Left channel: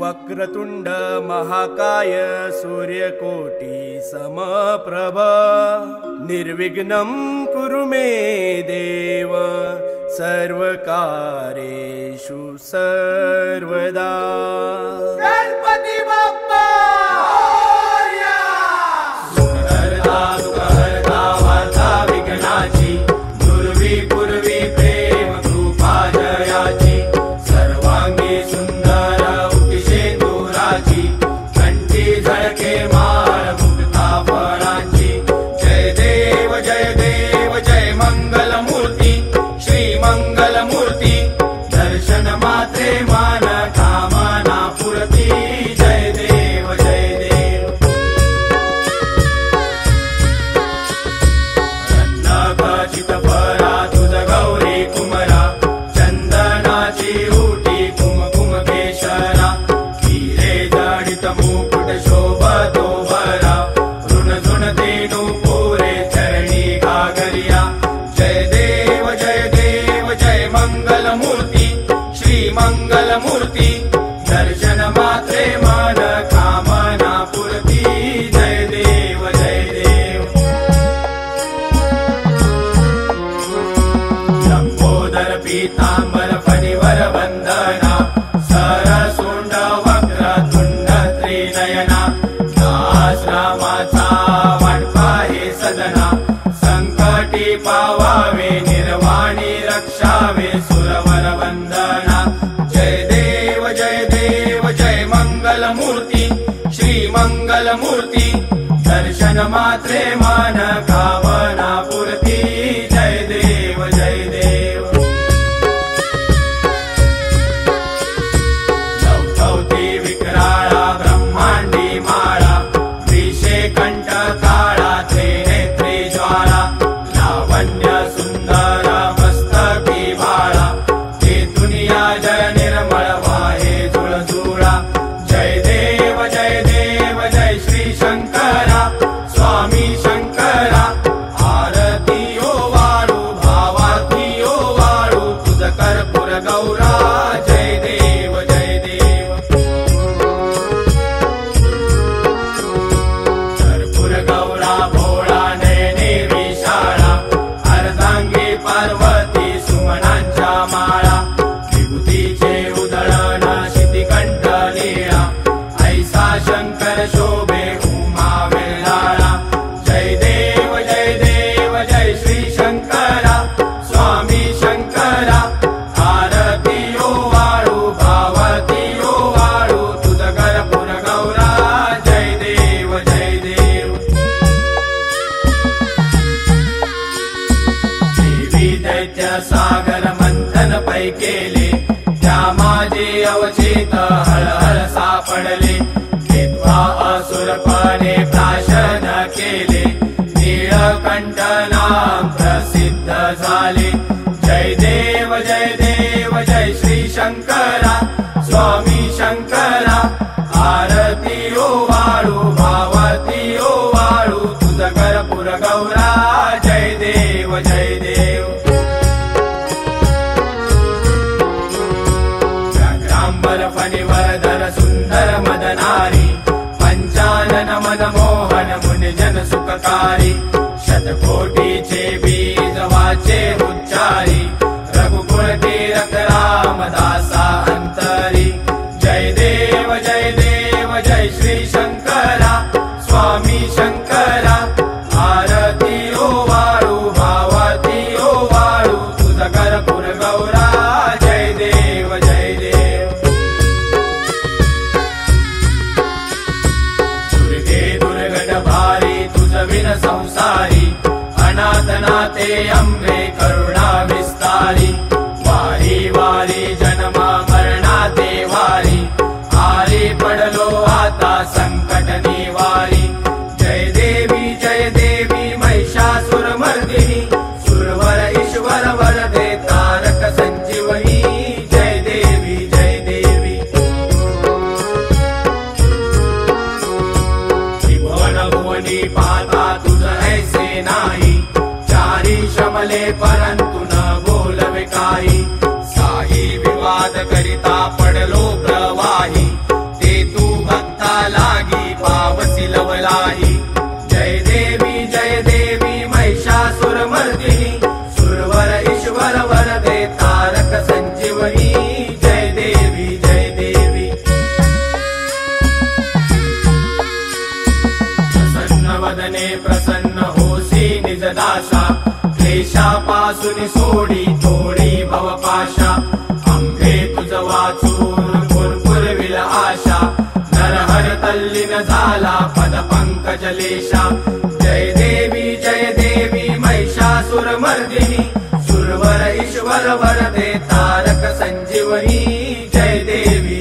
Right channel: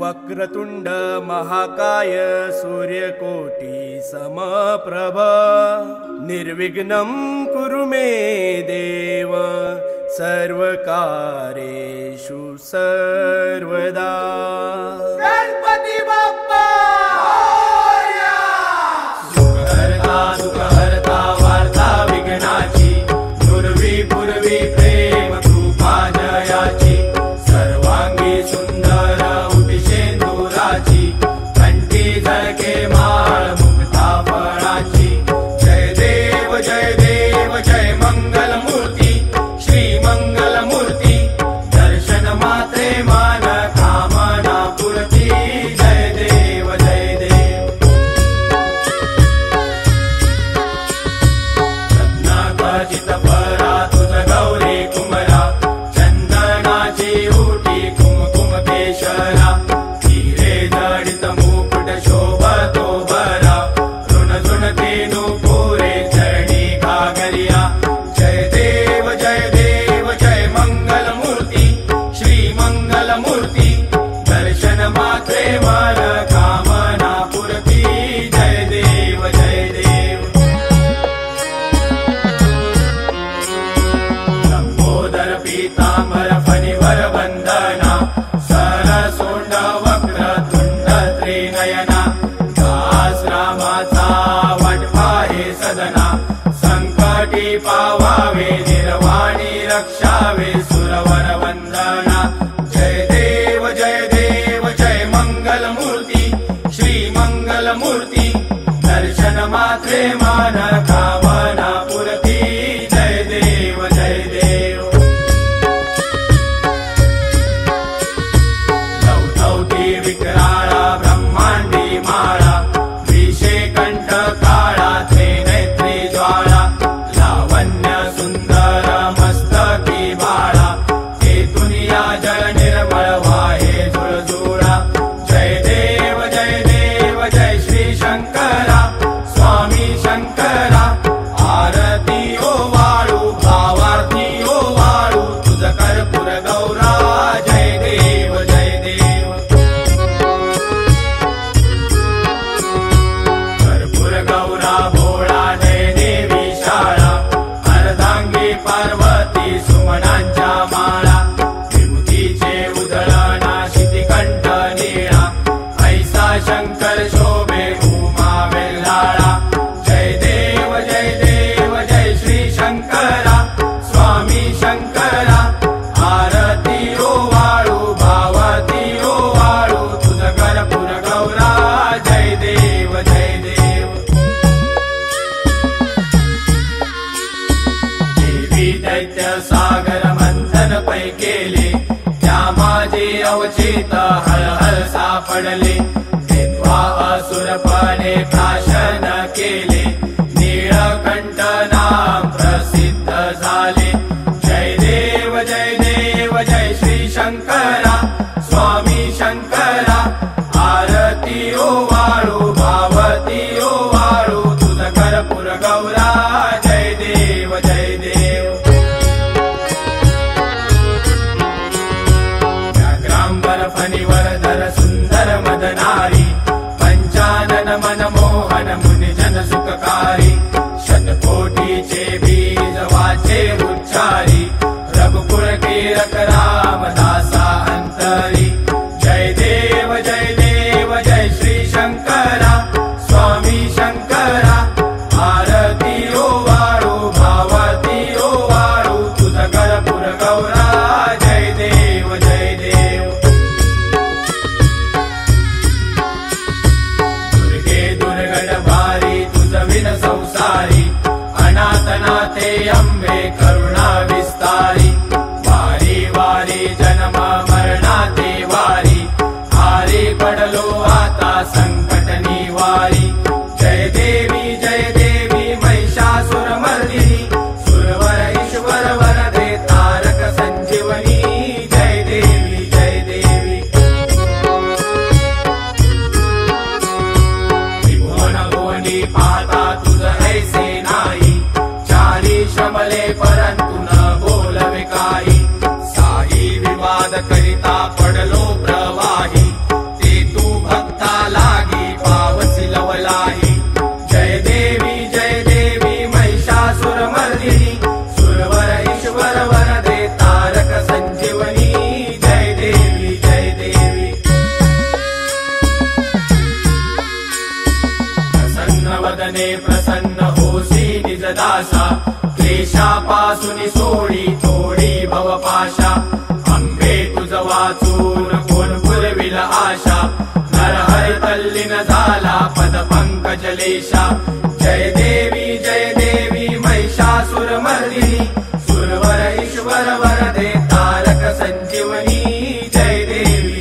वक्रतुंड महाकाय सूर्यकोटी समप्रभ निर्विघ्नं कुरु मे देव सर्वकार्येषु सर्वदा। गणपती बाप्पा सुखहर्ता वार्ता विघ्नाची दुर्वी पूर्वी प्रेम कृपा जयाची सर्वांगी सुंदर उटिशेंदुराची कंठी झळके माळ मुक्ता फळाची। जय देव जय देव जय मंगल मूर्ती श्री मंगल मूर्ती दर्शन मात्रे मान कामना पूर्ती। जय देव जय देव रत्नाखचित परा तुझ गौरी कुमरा चंदनाची उटी कुमकुम केशरा हिरे जडित मुकुट शोभतो बरा ऋण झुणते नुपुरे चरणी घागरिया। जय देव जय देव जय मंगल मूर्ती श्री मंगल मूर्ती दर्शन मात्रे मन कामना पूर्ती। जय देव जय देव लंबोदर पीतांबर फणिवर वंदना सरसोंड वक्रतुंड त्रिनयना दास रामाचा वाटपा हे सदना संकटी पावावे निर्वाणी रक्षावे सुरवर वंदना। जय देव जय देव जय मंगल मूर्ती श्री मंगल मूर्ती दर्शन मात्रे मान कामना पूर्ती। जय देव जय देव चौथौती विक्राळा ब्रह्मांडी माळा विषे कंठ काळा त्रिनेत्री ज्वाळा लावण्य सुंदर मस्तकी बाळा ते दुनिया जय निर्मळ वाहे झुळझुळा। जय देव जय देव जय श्री शंकरा स्वामी शंकरा आरती ओ वाळू भावाती ओ वाळू तुझ कर्पूर गौरा। जय देव जय देव कर्पूर गौरा भोळा नयने विशाळा अर्धांगी पार्वती सुमनांच्या माळा विभूतीचे उधळण शितिकंठ नीळा ऐसा शंकर शोभे उमा वेल्हाळा। जय देव जय देव जय श्री शंकरा स्वामी शंकरा आरती ओ वाळू भावती ओ वाळू तुझ कर्पूर गौरा। जय देव जय देव देवी दैत्य सागर मंथन पै केले त्या माझे अवचित हळहळ सापडले विद्वा असुरपणे प्राशन केले नीळकंठ नाम प्रसिद्ध झाले। जय देव जय देव जय श्री शंकरा स्वामी शंकरा आरती ओ वाळू भावती ओ वाळू तुझ कर्पूर गौरा। जय देव जय देव व्याघ्रांबर फणिवरधर सुंदर मदनारी पंचानन मनमोहन मुनिजन सुखकारी शतकोटीचे बीज वाचे उच्चारी रघुकुळ कीरक रामदासा अंतरी। जय देव जय देव जय श्री शंकरा स्वामी शंकरा आरती ओ वाळू भावती ओ वाळू तुझ कर्पूर गौरा। जय देव जय देव दुर्गे दुर्गड भारी तुझ विन संसारी अनाथनाथे अंबे करुणा विस्तारी वारी वारी जन्म मरणाते वारी आरी पडलो आता संकट निवारी। जय देवी महिषासुर मर्दिनी सुरवर ईश्वर वरदे तारक संजीवनी। जय देवी त्रिभुवन भुवनी पाता तुझ ऐसे नाही चारी शमले परंतु न बोलवे काही साई विवाद करिता पडलो प्रवाही कीर्तने प्रसन्न होसी निज दासा क्लेशापासून सोडी तोडी भवपाशा अंबे तुझ वाचून कोण पुरविल आशा नरहर तल्लीन झाला पद पंकजलेशा जय देवी महिषासुरमर्दिनी सुरवर ईश्वर वरदे तारक संजीवनी जय देवी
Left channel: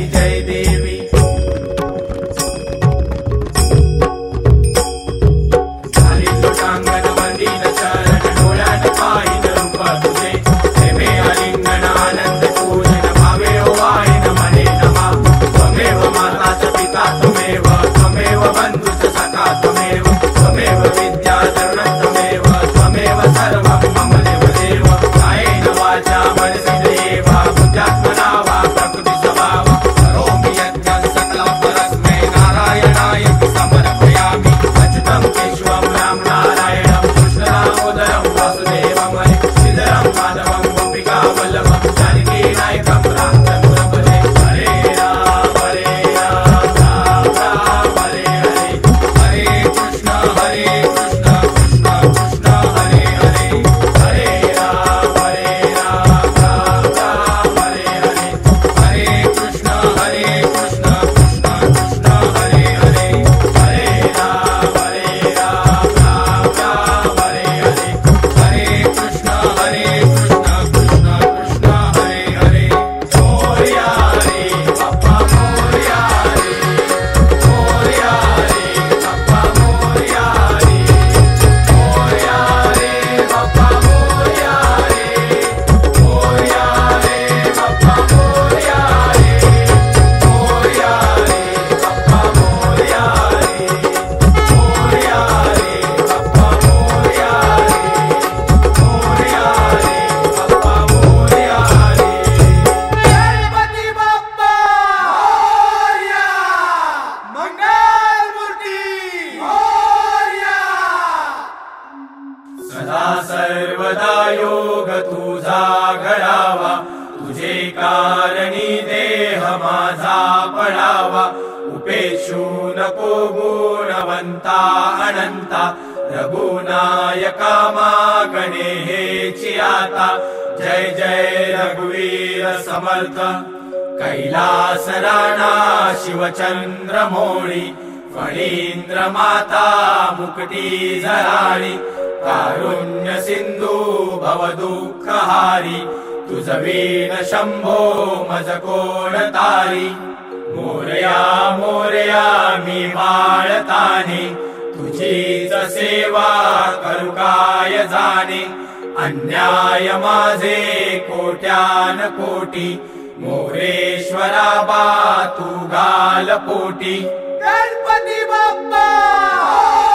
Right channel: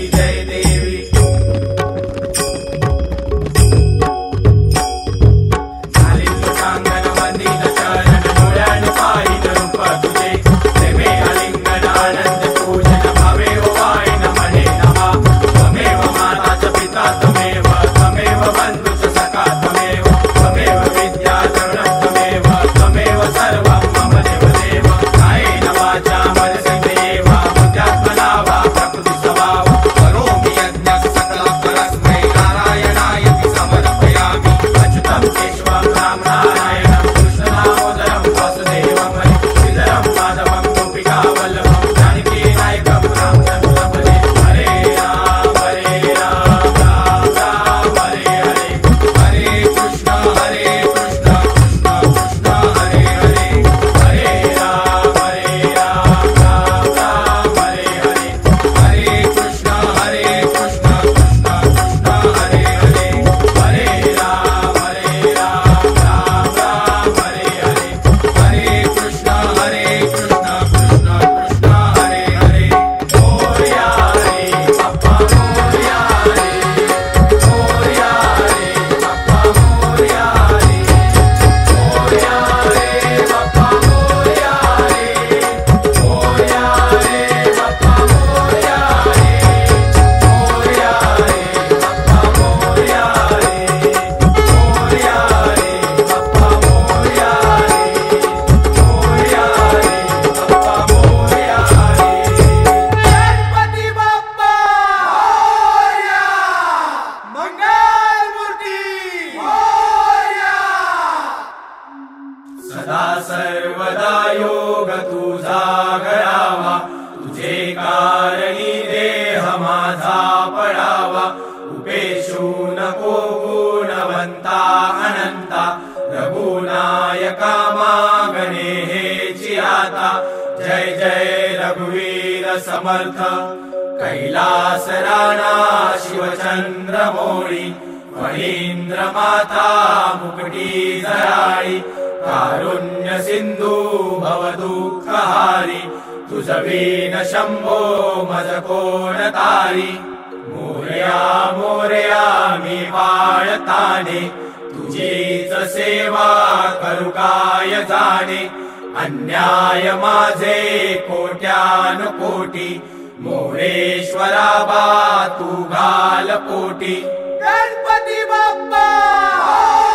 सदा सर्वदा योग तुझा घडावा तुझे कारणी देह माझा पडावा उपेक्षू नको गुणवंता अनंता रघुनायका मागणे हेची आता जय जय रघुवीर समर्थ कैलास राणा शिवचंद्र मोळी फणींद्र माता मुकटी जराळी कारुण्य सिंधू भव दुःखहारी तुझ वीण शंभो मज कोण तारी मोरया मोरया मी बाळताने तुझीच सेवा करू काय जाणे अन्याय माझे कोट्यान कोटी मोरेश्वरा बा तू घाल पोटी गणपती बाप्पा